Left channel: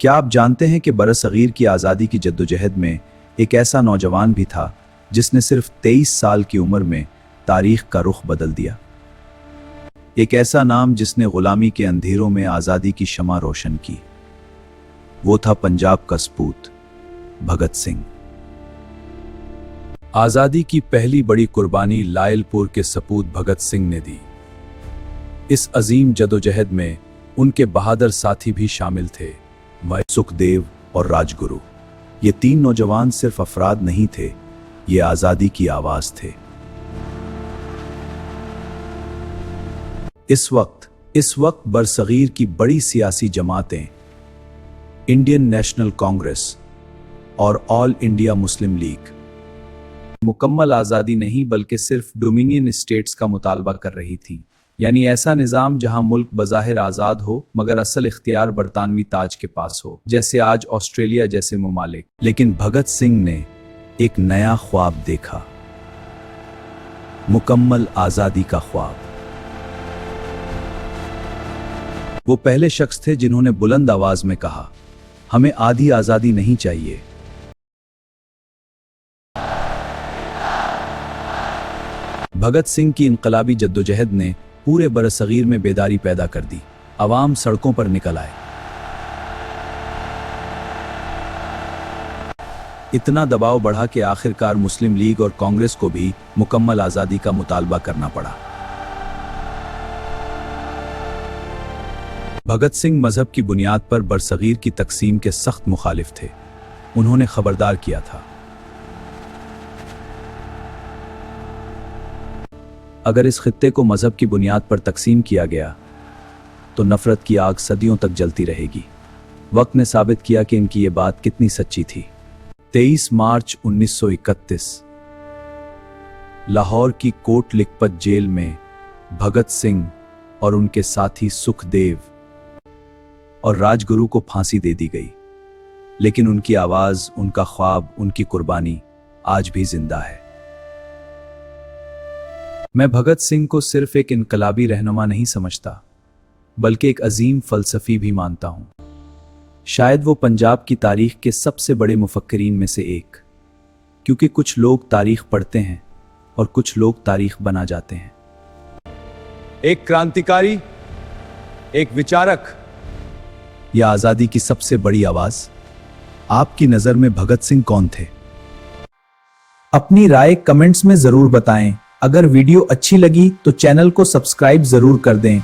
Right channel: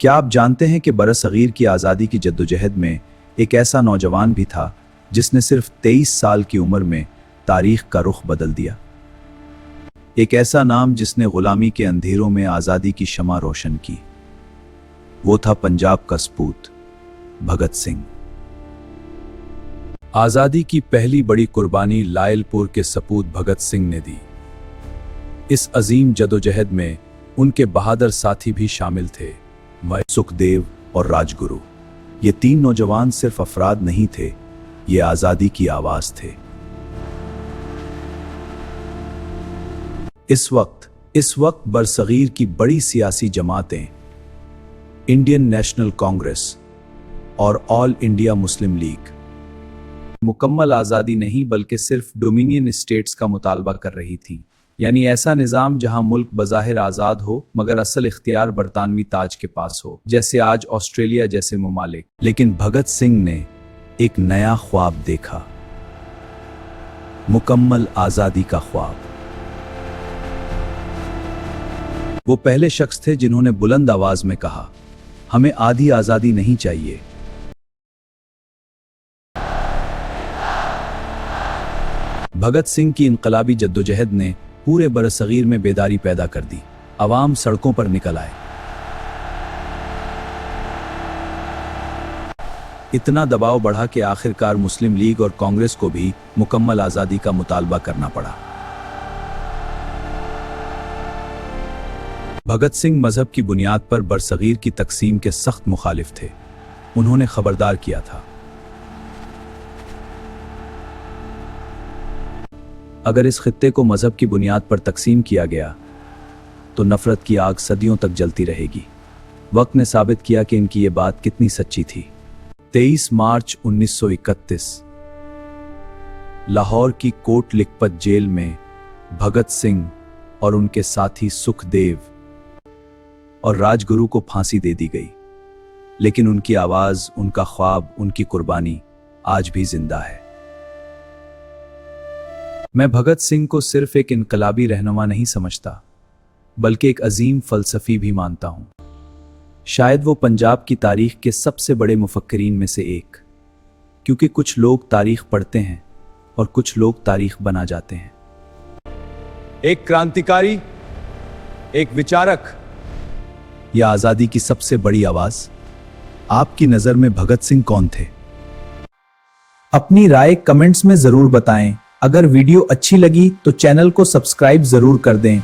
क्या आप जानते हैं कि बरसगीर की आज़ादी की जद्दोजहद में एक ऐसा नौजवान भी था जिसने सिर्फ 23 साल की उम्र में तारीख का रुख बदल दिया। एक ऐसा नाम जिसने गुलामी के अंधेरों में आज़ादी की शमा रोशन की। वो था पंजाब का सपूत भगत सिंह। आज़ादी की पहली बड़ी कुर्बानी लायलपुर के सपूत भगत सिंह ने दी। इस अजीम जदोजहद में उनके बहादुर साथी भी शामिल थे, सुखदेव और राजगुरु। ये तीन नौजवान सिर्फ अफराद नहीं थे, ये आज़ादी की आवाज थे। इस वक्त बरसगीर की बड़ी सियासी जमातें इंडियन नेशनल कांग्रेस और ऑल इंडिया मुस्लिम लीग मुकम्मल आज़ादी नहीं बल्कि सिर्फ डोमिनियन स्टेट्स का मुतालबा कर रही थी, यानी ऐसा निज़ाम जहां मुल्क बज़ाहिर आज़ाद हो मगर असल इख्तियार बरतानवी ताज के पास हो, जैसे आज ऑस्ट्रेलिया जैसे ममालिक। लेकिन भगत सिंह ने एक नया ख्वाब देखा, मुकम्मल आज़ादी का ख्वाब। वो पहले शख्स थे जिन्होंने बुलंद आवाज में कहा, हमें आधी आज़ादी नहीं चाहिए। भगत सिंह की इनकलाबी जद्दोजहद ने पूरे बरसगीर में बेदारी पैदा कर दी। अवाम सड़कों पर निकल आए। इतना दबाव बढ़ा कि आखिरकार मुस्लिम लीग और कांग्रेस को भी मुकम्मल आज़ादी का मुतालबा करना पड़ा। भगत सिंह मजहब की बुनियाद पर बरसगीर की तकसीम के सख्त मुखालिफ थे। उन्होंने खबरदार किया था, अगर इस खित्ते को मजहब की बुनियाद पर तकसीम किया गया तो नफरत की आग सदियों तक जलती रहेगी। वक्त ने साबित किया कि इनकी ये बात कितनी सच्ची थी। 23 मार्च 1931 लाहौर की कोट लिखपत जेल में भगत सिंह और उनके साथी सुखदेव और राजगुरु को फांसी दे दी गई। लेकिन उनकी आवाज, उनका ख्वाब, उनकी कुर्बानी आज भी जिंदा है। मैं भगत सिंह को सिर्फ एक इनकलाबी रहनुमा नहीं समझता, बल्कि एक अजीम फलसफी भी मानता हूं। शायद वो पंजाब की तारीख के सबसे बड़े मुफक्किरीन में से एक, क्योंकि कुछ लोग तारीख पढ़ते हैं और कुछ लोग तारीख बना जाते हैं। एक क्रांतिकारी, एक विचारक या आजादी की सबसे बड़ी आवाज। आपकी नजर में भगत सिंह कौन थे? अपनी राय कमेंट्स में जरूर बताएं। अगर वीडियो अच्छी लगी तो चैनल को सब्सक्राइब जरूर कर दें।